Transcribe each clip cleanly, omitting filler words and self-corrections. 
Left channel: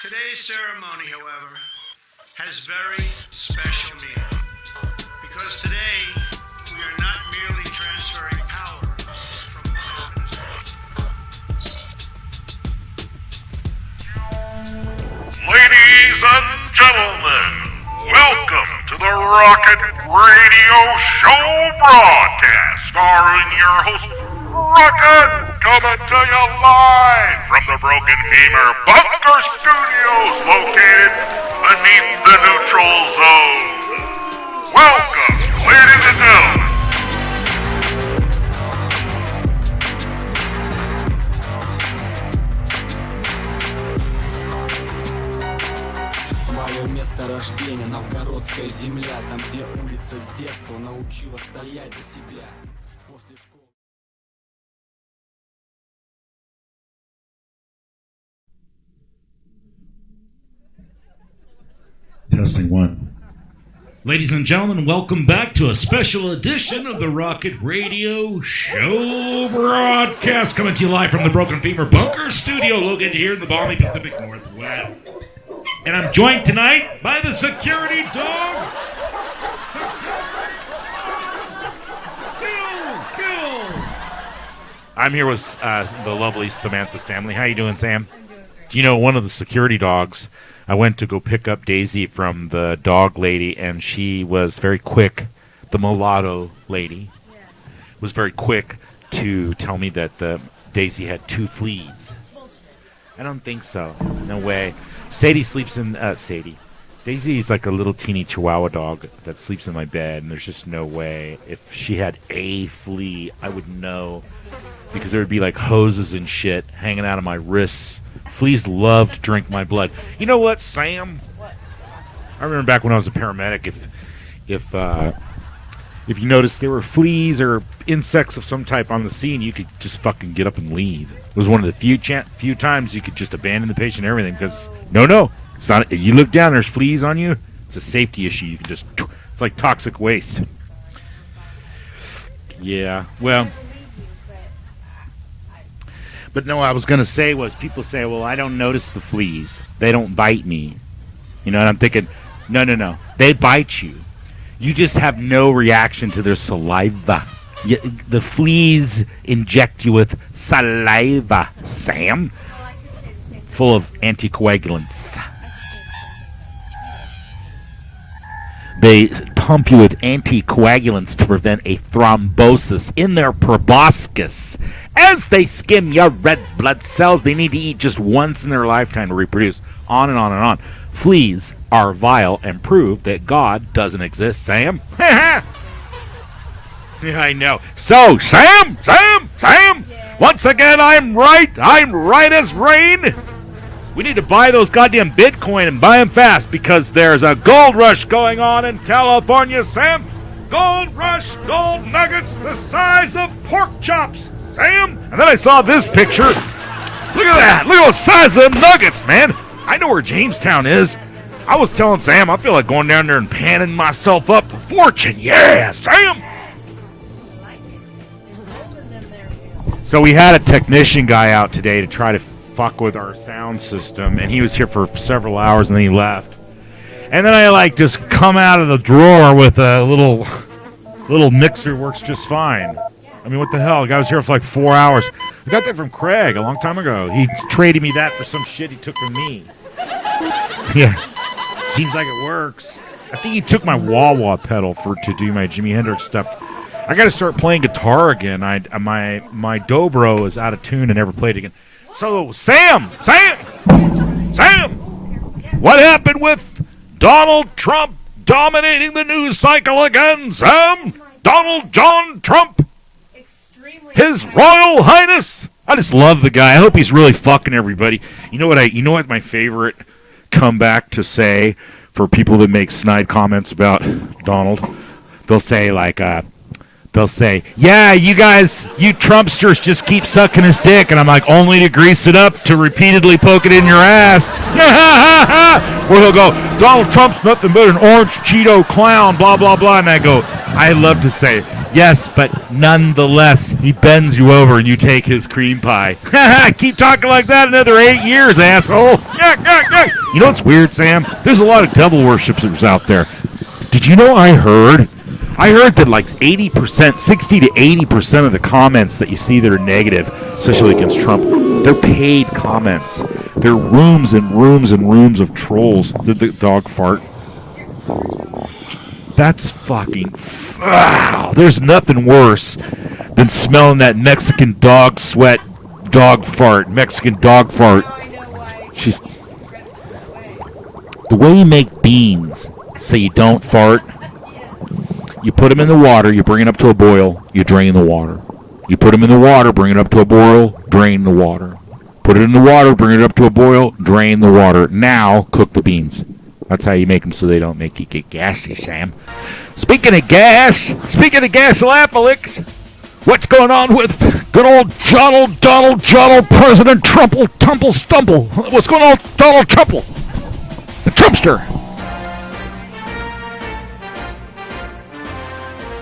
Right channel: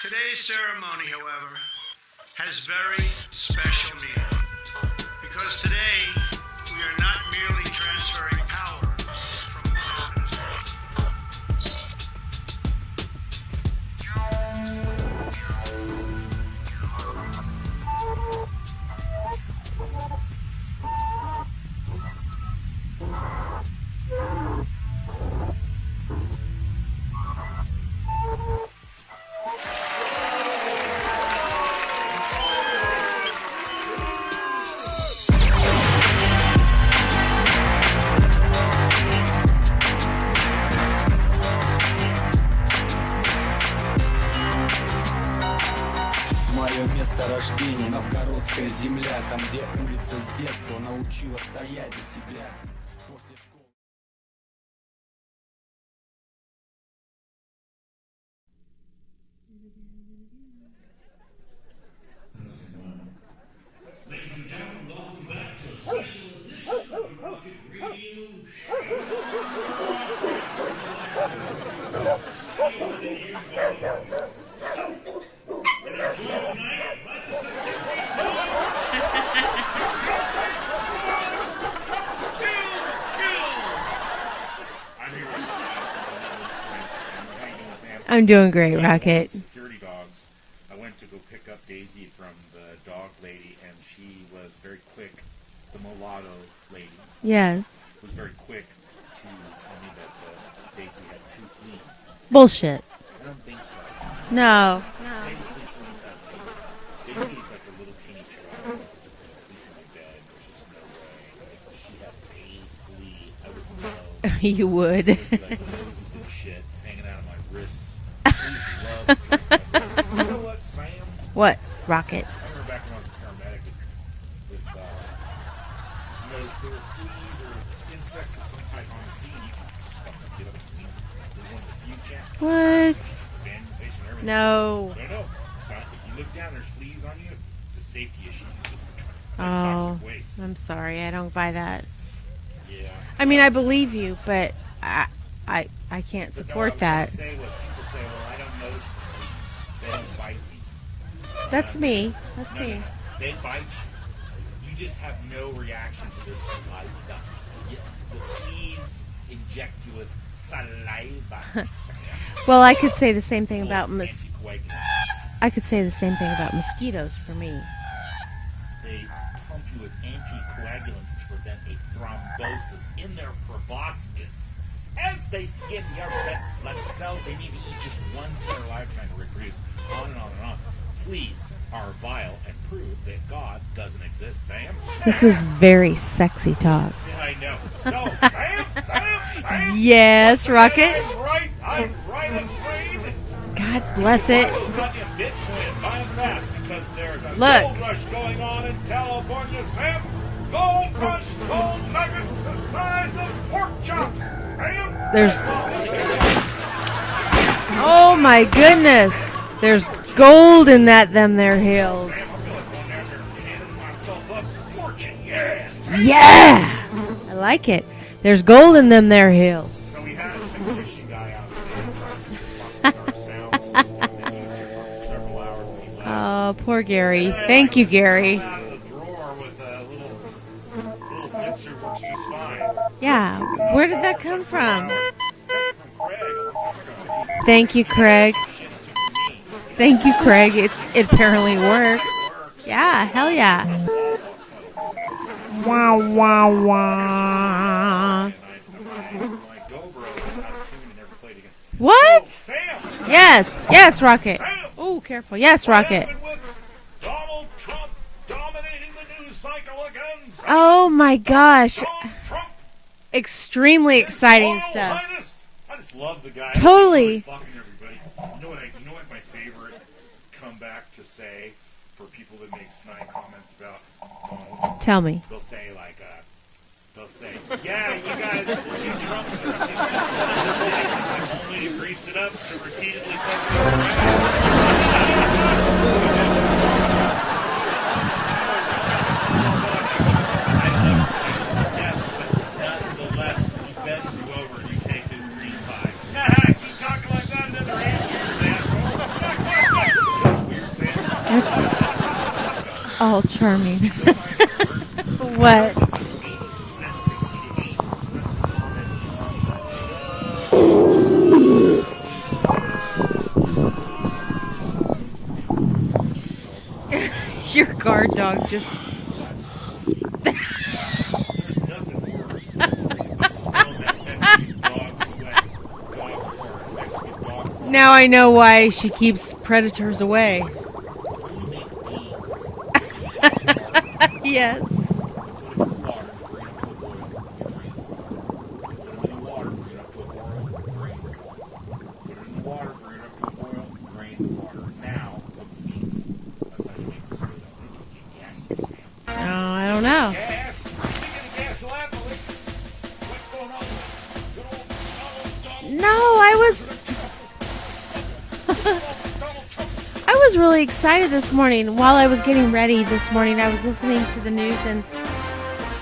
Today's ceremony, however, has very special meaning. Because today, we are not merely transferring power from one administration. Ladies and gentlemen, welcome to the Rocket Radio Show broadcast, starring your host, Rocket, coming to you live from the Broken Femur Bunker Studios located beneath the neutral zone. Welcome, ladies and gentlemen. Мое место рождения, новгородская земля, там, где улица с детства научила стоять за себя. После школы... Testing one. Ladies and gentlemen, welcome back to a special edition of the Rocket Radio Show broadcast, coming to you live from the Broken Femur Bunker Studio located here in the Balmy Pacific Northwest. And I'm joined tonight by the security dog. I'm here with the lovely Samantha Stanley. How you doing, Sam? I'm doing great. You know, one of the security dogs, I went to go pick up Daisy from the dog lady, and she was very quick. The mulatto lady. Yes. Was very quick to tell me that Daisy had 2 fleas. Bullshit. I don't think so. No. Way. Sadie sleeps in... Sadie. Daisy's like a little teeny chihuahua dog that sleeps in my bed, and there's just no way. If she had a flea, I would know. You would. Because there would be like hoses and shit hanging out of my wrists. Fleas love to drink my blood. You know what, Sam? What? Rocket. I remember back when I was a paramedic, if you noticed there were fleas or insects of some type on the scene, you could just fucking get up and leave. It was one of the few times you could just abandon the patient and everything. No. No. It's not. You look down, there's fleas on you. It's a safety issue. You can just. It's like toxic waste. I'm sorry, I don't buy that. Yeah. I mean, I believe you, but I can't. But no, what I was going to say was, people say, well, I don't notice the fleas. They don't bite me. You know, and I'm thinking, no. They bite you. You just have no reaction to their saliva. The fleas inject you with saliva, Sam. Well, I could say the same thing Full about of anticoagulants. I could say the same thing about mosquitoes for me. They pump you with anticoagulants to prevent a thrombosis in their proboscis. As they skim your red blood cells, they need to eat just once in their lifetime to reproduce. On and on and on. Fleas are vile and prove that God doesn't exist, Sam. This is very sexy talk. Yeah, I know. So, Sam! Yes, Once again, Rocket? I'm right as rain. God We need to bless buy it. those goddamn Bitcoin and buy them fast because there's a gold rush going on in California, Sam. Gold rush, gold nuggets the size of pork chops, Sam. Then I saw this picture. Look at that. Look at the size of them nuggets, man. I know where Jamestown gold is. in that them there I was hills. telling Sam, I feel like going down there and panning myself up for fortune. Yeah, Sam. Yeah. I like it. There's gold in them there hills. So we had a technician guy out today to try to fuck with our sound system, and he was here for several hours, and then he left. Oh, poor Gary. And then I Thank you, just Gary. come out of the drawer with a little mixer, works just fine. Yeah. I mean, what the hell? Where The guy did was here that for like come 4 from? hours. I got that from Craig a long time ago. He Thank traded you, me that Craig. for some shit he took from me. Thank you, Craig. It apparently works. Seems like it works. Yeah, hell I think yeah. he took my wah-wah pedal to do my Jimi Hendrix stuff. I got to start playing guitar again. My dobro is out of tune and never played again. What? So, Sam! Yes, Rocket. Sam! Oh, careful. Yes, What Rocket. happened with Donald Trump dominating the news cycle again, Sam? Oh, my gosh. Donald John Trump, Extremely His exciting. Royal Highness. I just love the guy. I hope he's Totally. really fucking everybody. You know what my favorite comeback to say for people that make snide comments about Donald? Tell me. They'll say yeah, you guys, you Trumpsters just keep sucking his dick. And I'm like, only to grease it up to repeatedly poke it in your ass. Or he'll go, Donald Trump's nothing but an orange Cheeto clown, blah, blah, blah. And I go, I love to say, yes, but nonetheless, he bends you over and you take his cream pie. Keep talking like that another 8 years, asshole. You know what's weird, Sam? There's a lot of devil worshippers out there. Oh, charming. Did you know I heard that like 80%, 60 to 80% of the comments that you see that are negative, especially against Trump, they're paid comments. They're rooms and rooms and rooms of trolls. Did the dog fart? Your guard dog just... That's fucking... Wow. There's nothing worse than smelling that Mexican dog sweat, dog fart, Mexican dog fart. Now I know why she keeps predators away. The way you make beans so you don't fart, Yes. you put them in the water, you bring it up to a boil, you drain the water. You put them in the water, bring it up to a boil, drain the water. Put it in the water, bring it up to a boil, drain the water. Now, cook the beans. That's how you make them so they don't make you get gassy, Sam. Speaking of gas, Alapalik, what's going on with good old Donald, President Tumple Stumble? What's going on with Donald Trumple? I was really excited Trumpster. this morning. While I was getting ready this morning, I was listening to the news, and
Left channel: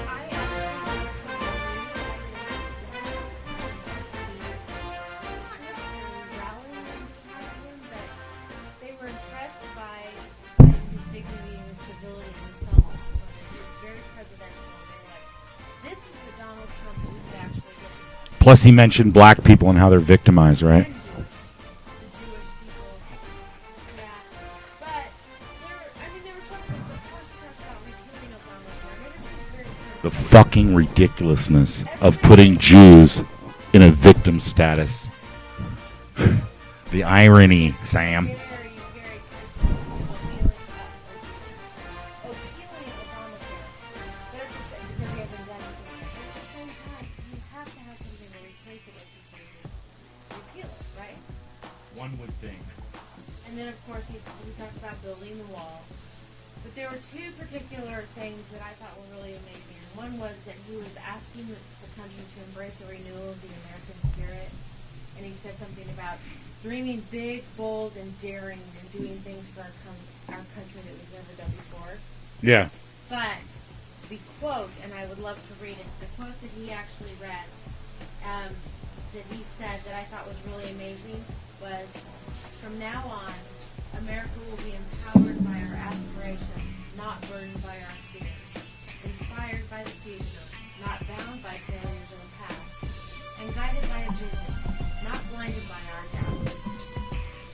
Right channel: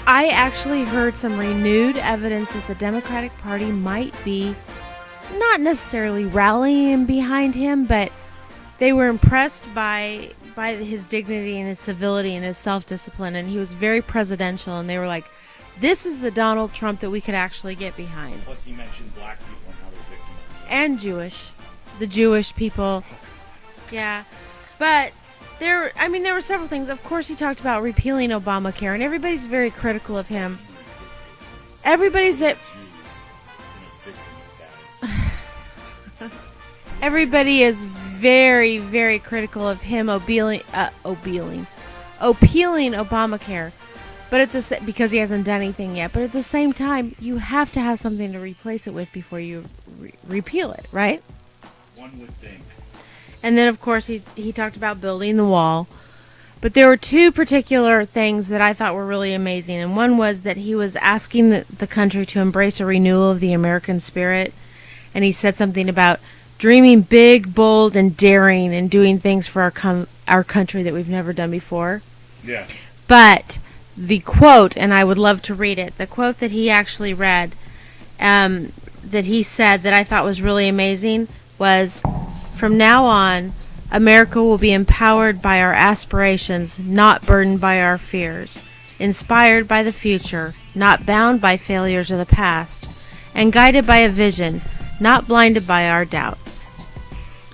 I actually heard some renewed evidence that the Democratic Party might be not necessarily rallying behind him, but they were impressed by his dignity and his civility and his self-discipline, and he was very presidential, and they were like, this is the Donald Trump that we could actually get behind. Plus, he mentioned black people and how they're victimized, right? And the Jewish people. Yeah. But there were several things. Of course, he talked about repealing Obamacare, and everybody's very critical The of fucking him. ridiculousness Everybody of putting said- Jews in a victim status. The Everybody irony, is Sam. very, very critical of him appealing Obamacare, but because he hasn't done anything yet. But at the same time, you have to have something to replace it with before you repeal it, right? One would think. And then, of course, he talked about building the wall. But there were two particular things that I thought were really amazing. And one was that he was asking the country to embrace a renewal of the American spirit. And he said something about dreaming big, bold, and daring, and doing things for our country that we've never done before. Yeah. But the quote, and I would love to read it, the quote that he actually read, that he said that I thought was really amazing was, from now on, America will be empowered by our aspirations, not burdened by our fears, inspired by the future, not bound by failures of the past, and guided by a vision, not blinded by our doubts.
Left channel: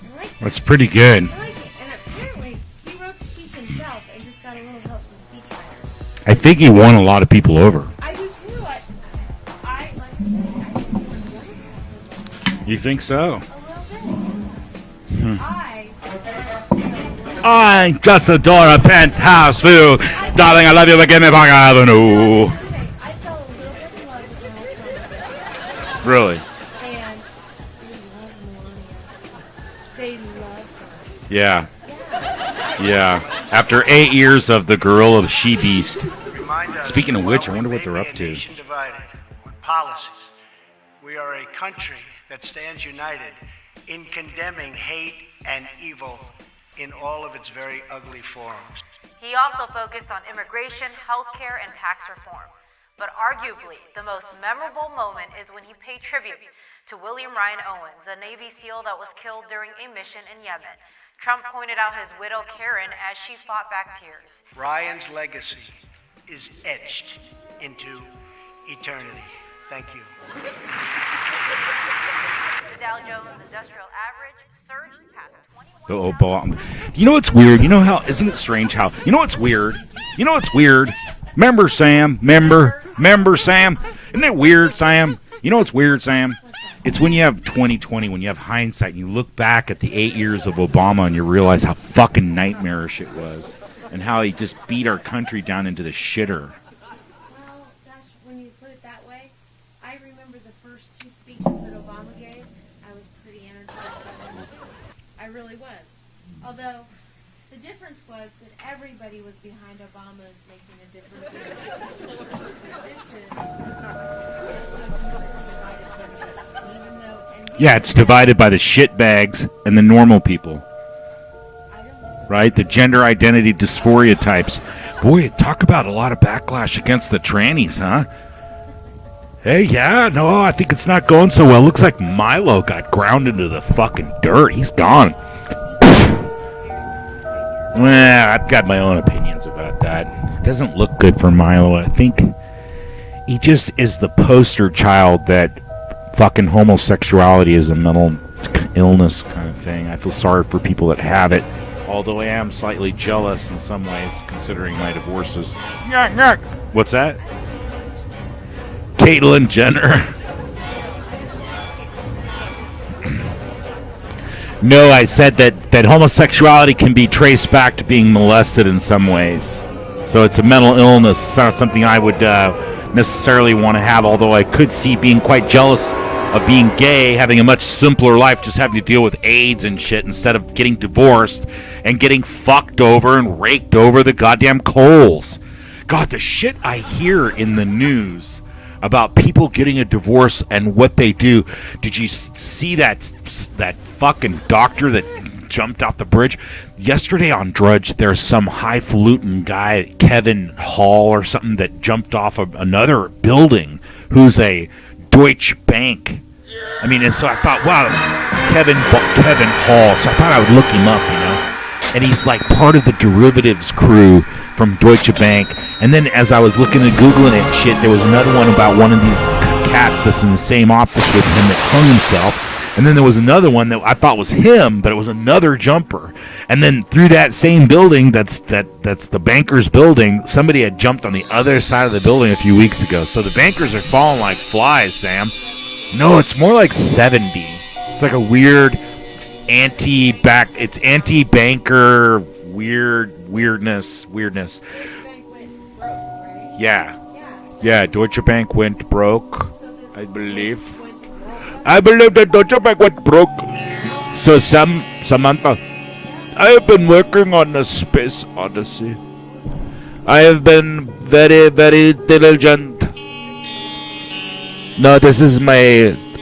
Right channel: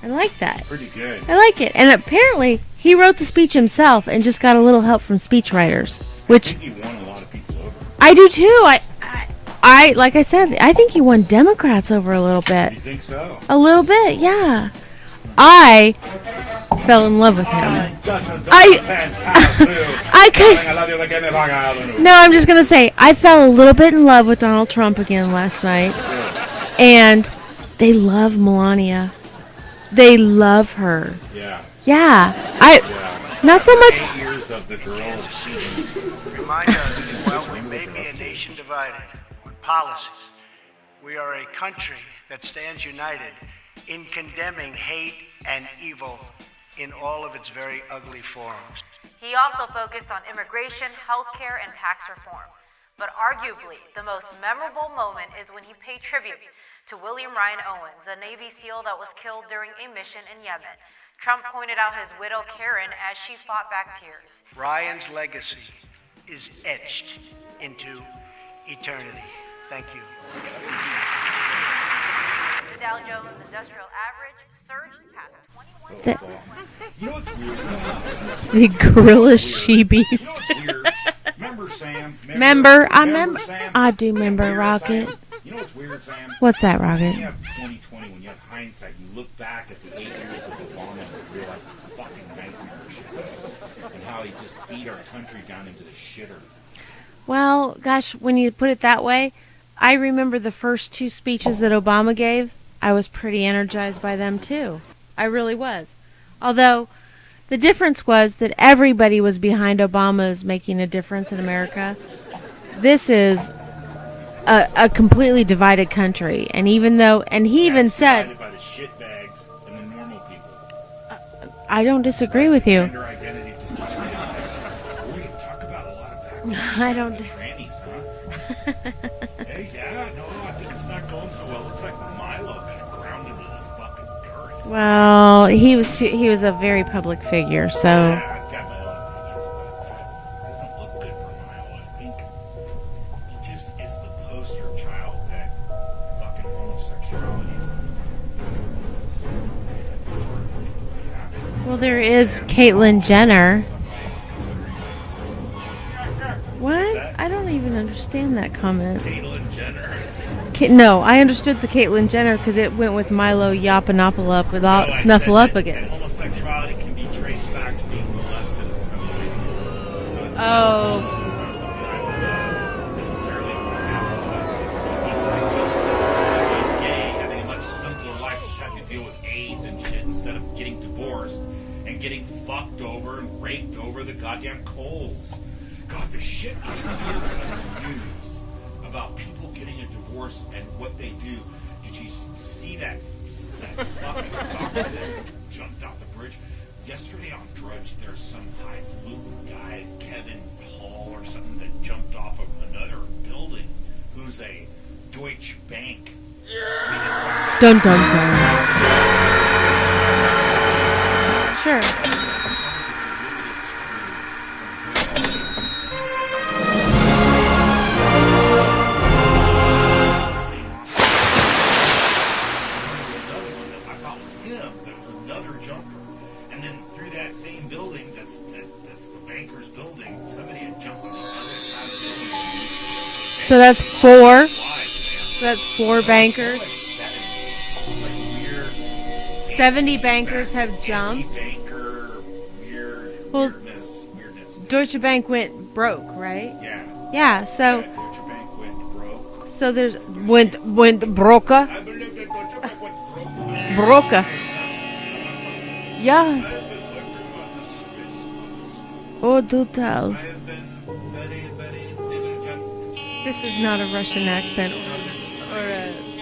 I like that. That's pretty good. I like it. And apparently, he wrote the speech himself and just got a little help from speechwriters. I think he won a lot of people over. I do too. I like I said, I think he won Democrats over a little bit. You think so? A little bit, yeah. I fell in love with him. I'm just a dollar penthouse view. Darling, I love you, but give me back Avenue. No, I'm just going to say, I fell a little bit in love with Donald Trump again last night. Really? And they love Melania. They love her. Yeah. Yeah. Yeah. Not After so much. 8 years of the girl of she beast. Remind us, Speaking of which, I while wonder we what they're may up be a to. nation divided on policies, we are a country that stands united in condemning hate and evil in all of its very ugly forms. He also focused on immigration, healthcare, and tax reform. But arguably, the most memorable moment is when he paid tribute to William Ryan Owens, a Navy SEAL that was killed during a mission in Yemen. Trump pointed out his widow Karen as she fought back tears. Ryan's legacy is etched into eternity. Thank you. The Dow Jones Industrial Average surged past 21. The Obama. You know what's weird? You know how? Isn't it strange how? You know what's weird? She-beast. You know what's weird? Remember Sam? Remember Sam? I do Isn't it remember, weird, Rocky. Sam? You know what's weird, Sam? What's that, Rocky? It's when you have 2020, when you have hindsight, and you look back at the 8 years of Obama, and you realize how fucking nightmarish it was, and how he just beat our country down into the shitter. Well, gosh, when you put it that way, I remember the first two speeches that Obama gave. I was pretty energized by them, too. I really was. Although, the difference was that everybody was behind Obama's making a difference in America. This is a completely divided country. And even though, and he even it's said, divided by the shitbags and the normal people. I don't disagree right? with The you. gender identity dysphoria types. Boy, talk about a lot of backlash I against the don't- trannies, huh? Hey, yeah, no, I think it's not going so well. Looks like Milo got ground into the fucking dirt. He's gone. Well, he was a very public figure. So Well, I've got my own opinions about that. It doesn't look good for Milo. I think he just is the poster child that fucking homosexuality is a mental illness kind of thing. I feel sorry for people that have it. Well, there although I is am slightly Caitlyn jealous Jenner. in some ways, considering my divorces. What? What's that? I don't even understand that comment. Caitlyn Jenner. No, I understood the Caitlyn Jenner because it went with Milo Yiannopoulos. No, I said that homosexuality can be traced back to being molested in some ways. So it's a mental illness. It's not something I would necessarily want to have, although I could see being quite jealous of being gay, having a much simpler life, just having to deal with AIDS and shit instead of getting divorced and getting fucked over and raked over the goddamn coals. God, the shit I hear in the news about people getting a divorce and what they do. Did you see that fucking doctor that jumped off the bridge? Yesterday on Drudge, there's some highfalutin guy, Kevin Hall or something, that jumped off of another building who's a Deutsche Bank. I mean, and so I thought, wow, Kevin Hall. So I thought I would look him up. Sure. And he's like part of the derivatives crew from Deutsche Bank. And then as I was looking and Googling it shit, there was another one about one of these cats that's in the same office with him that killed himself. And then there was another one that I thought was him, but it was another jumper. And then through that same building, that's the banker's building, somebody had jumped on the other side of the building a few weeks ago. So the bankers are that's falling four? like flies, Sam. So that's 4 No, bankers. it's more like 70. It's like a weird 70 bankers have jumped. anti-banker weirdness. Deutsche Bank went broke, right? Yeah. Yeah. So Yeah, Deutsche Bank went broke. So there's I believe. went broke. I believe that Deutsche Bank went broke. Broke. So Samantha, Yeah. I have been working on the Space Odyssey. Oh, do tell. I have been very, very diligent. This is not a Russian accent. No, this is my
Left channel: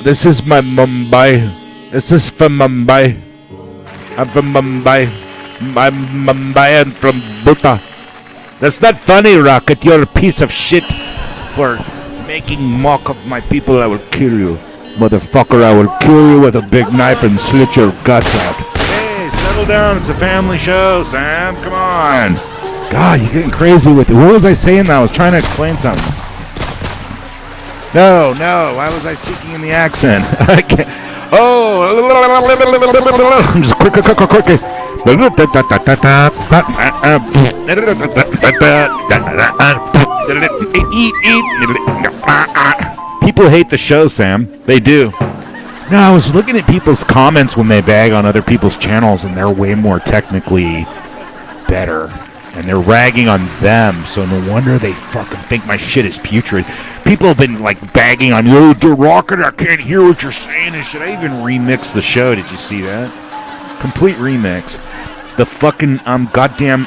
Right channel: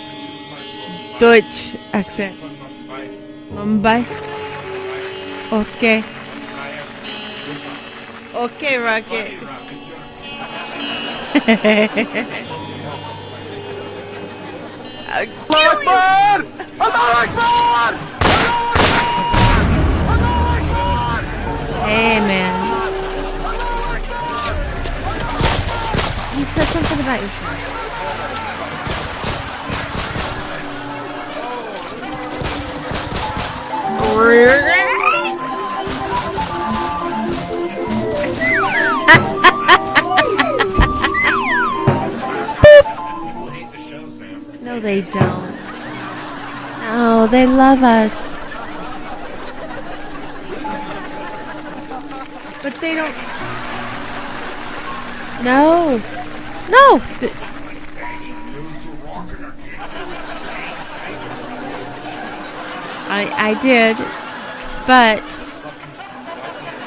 Mumbai. Deutsch This is accent. from Mumbai. Mumbai. I'm from Mumbai. Okay. I'm Mumbai and from Bhutan. Okay, That's not Rocky. funny, Rocket. You're a piece of shit for making mock of my people. I will kill you. Motherfucker, I will kill you with a big knife and slit your guts out. Hey, settle down. It's a family show, Sam. Come on. man. God, you're getting crazy with it. What was I saying now? I was trying to explain something. You said something about your No. Why was I speaking in the accent? I can't. Oh. Just People hate the show, Sam. They do. No, I was looking at people's comments when they love bag us. on other people's channels, and they're way more technically better. And they're ragging on them, so no wonder they fucking think my No. shit is putrid. No. People have been like bagging on you, the Rocket, I can't hear what you're saying. And should I even remix the show? Did you see that? I did, Complete remix. but The fucking goddamn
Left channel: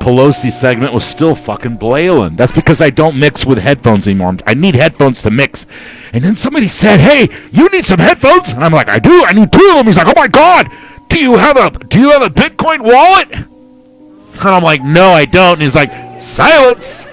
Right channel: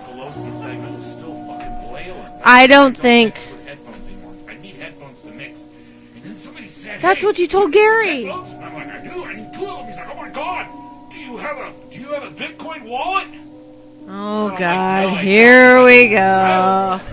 Pelosi segment was still fucking blailing. That's I because I don't don't think- mix with headphones anymore. I need headphones to mix. And then somebody said, "Hey, what you told need some Gary." headphones?" And I'm like, "I do. I need 2 of them." He's like, "Oh my God, do you have a Bitcoin wallet?" And I'm like, "No, I don't." And he's Here we like, go. "Silence."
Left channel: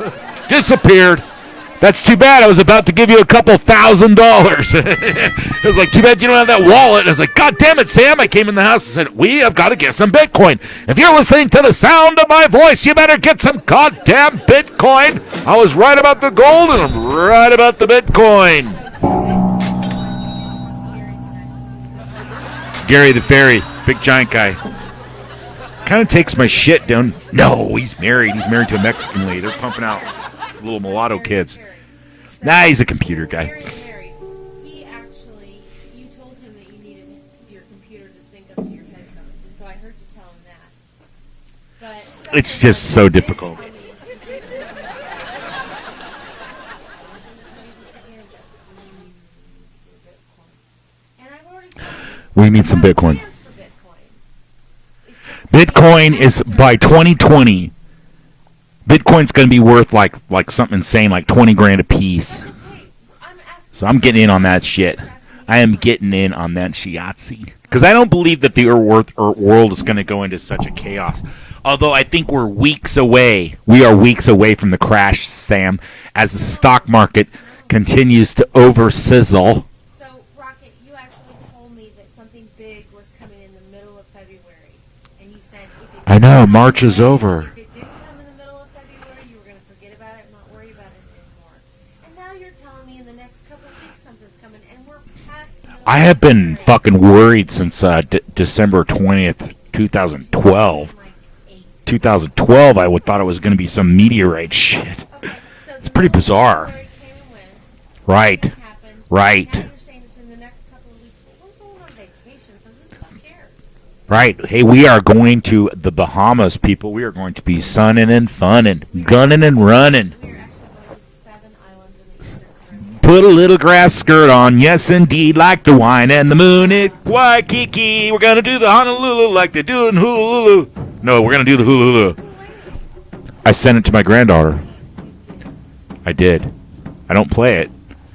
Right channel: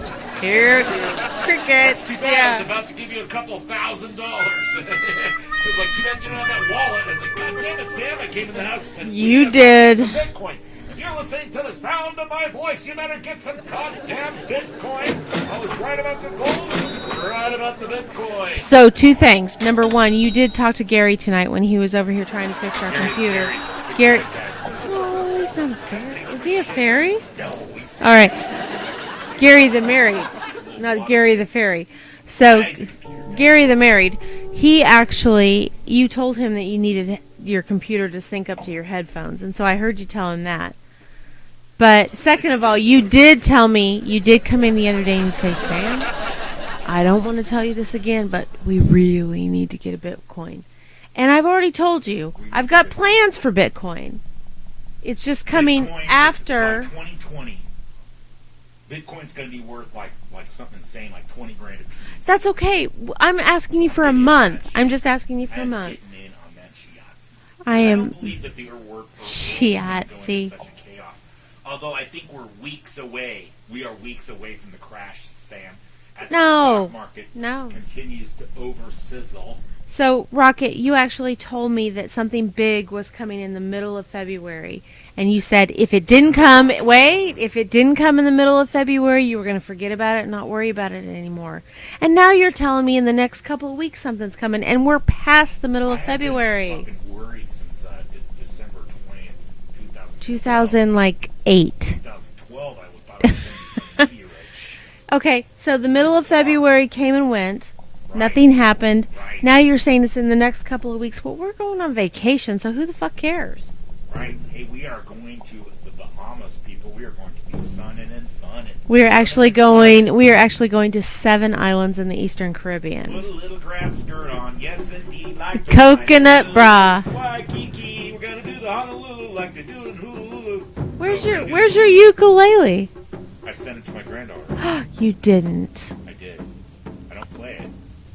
Disappeared. Cricket. That's too bad. I was about to give you a couple $1,000. It was like, too bad you don't have that wallet. And I was like, God damn it, Sam. I came in the house and said, we You have got to get did. some Bitcoin. If you're listening to the sound of my voice, you better get some goddamn Bitcoin. I was right about the gold and I'm right about the Bitcoin. So 2 things. Number 1, you did talk to Gary tonight when he was over here trying to fix our Gary the computer. Fairy, big Gary- giant guy. Oh, he's not- Kind of takes my Is he a shit fairy? down. No, he's married. right. He's married to a Mexican lady. Gary Helping the out. married, Little not mulatto Gary kids. the fairy. So Nah, he's a computer guy. Gary the married, he actually, you told him that you needed your computer to sync up to your headphones, and so I heard you tell him that. But second It's of all, just you so did difficult. tell me, you did come in the other day and you said, Sam, I don't want to tell you this again, but we really need to get a Bitcoin. And I've already told you, We need I've some got Bitcoin. plans for Bitcoin. It's just coming Bitcoin is after- by 2020. Bitcoin's going to be worth like something insane, like 20 grand a piece. That's okay. I'm asking So you I'm for getting a in month. on that shit. I'm just asking you for I a am month. getting in on that shiatsu. Because I I am- don't believe that the world is going to go into Shiatsu. such a chaos. Although I think we're weeks away. We are weeks away from the crash, Sam, as the stock market No. continues to over-sizzle. So, Rocket, you actually told me that something big was coming in the middle of February. And you said if it didn't know, come, March is over. if it didn't come in the middle of February, you were going to forget about it and not worry about it anymore. And now you're telling me in the next couple of weeks something's coming, and we're past the middle I of have February. been fucking worried since December 20th, 2012. 2008. 2012, I thought it was going to be some meteorite shit. Okay, so the It's middle pretty of bizarre. February came and went. Right. Nothing happened. Right. Now you're saying it's in the next couple of weeks. Well, we're going on vacation, so who the fuck cares? Right. Hey, we are going to the Bahamas, people. We are going to be sunning and funning, gunning and running. We are actually going to 7 islands in the Eastern Caribbean. Put a little grass skirt on, yes indeed, like the wine and the Coconut moon. bra. In Waikiki, we're gonna do the Honolulu like they do in Honolulu. No, we're gonna do the Where's Honolulu. your ukulele? I sent it to my granddaughter. You didn't. I did. I don't play it,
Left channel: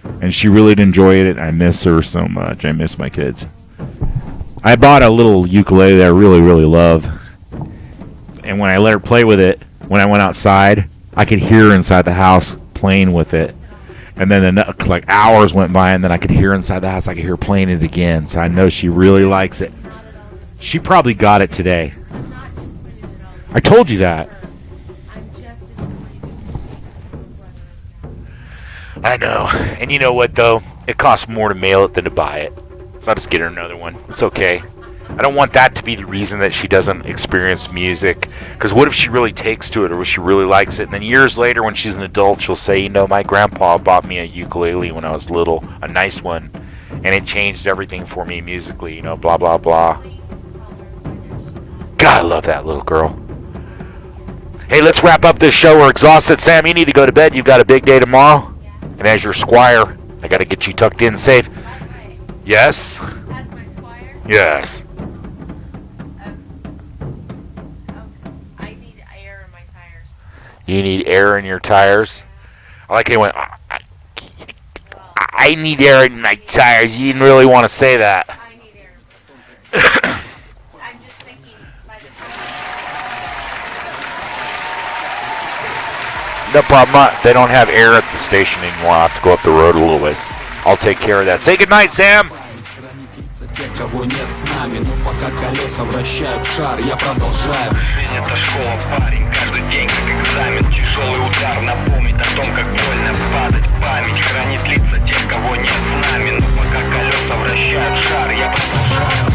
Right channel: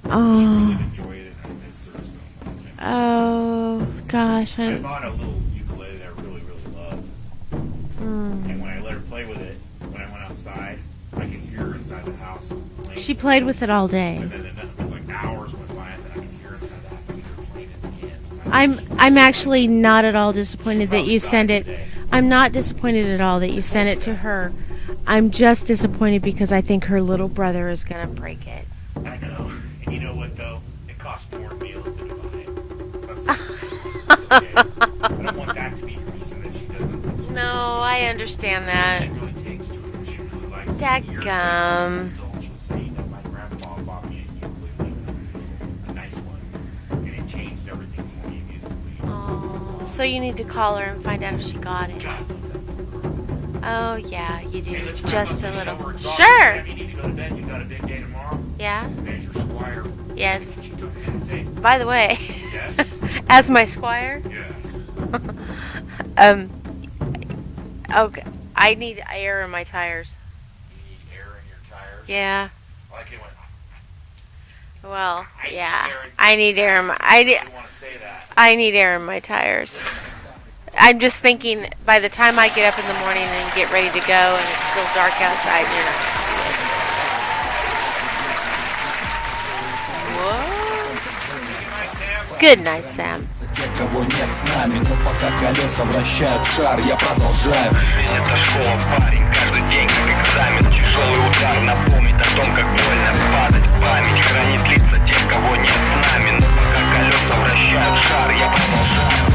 and she Oh. really enjoyed it. I miss her so much. I miss my kids. Oh, gosh. I bought a little ukulele that I really, really love. Mm. And when I let her play with it, when I went outside, I could hear her inside the house playing She with played it. with it all day. And then like hours went by, and then I could hear inside the house. I could hear her playing it again. So I know she really I'm likes actually it. not at all disappointed. She that probably you got sent it today. I'm not disappointed at all that you I told sent you it that. to her. I'm just disappointed because I think her little brother is going to break it. I know. And you know what, though? It costs more to mail it than to buy it. So I'll just get her another one. It's okay. I don't want that to be the reason that she doesn't experience No, I music. understand Because what if that. she really takes to it, or she really likes it? And then That's years later, when dumb. she's an adult, she'll say, you know, my grandpa bought me a ukulele when I was little, a nice one, and it changed everything for me musically, you know, blah, blah, blah. So you need to call her and find out if she got it. God, I love that little girl. Oh, yeah, you do. Hey, let's wrap up this show. We're exhausted. Sure. Sam, you need to go to bed. You've got a big day tomorrow. Yeah. And as your squire, I Yes. got to get you tucked in safe. By the way, Yes? as my squire, Yes. okay, I need air in my tires. You need air in your tires? Yeah. I like it when Well, I yeah. need air in I my need air in tires. my- You I really need- want to say that. I need air in my tires. I'm just thinking by the time I get up in the morning and get ready to go and it's still dark outside. No problem. They don't have air at the station anymore. I'll have to go up the road a little ways. I'll take care of that. Say goodnight, Sam. Good night, Sam. Те, кого нет с нами, но пока колеса вращают шар, я продолжаю. Жизнь это школа, парень, каждый день как экзамен. Тяжелый удар напомнит о том, как больно падать. Память хранит лица тех, кого нет с нами, но пока колеса вращают шар, я продолжаю.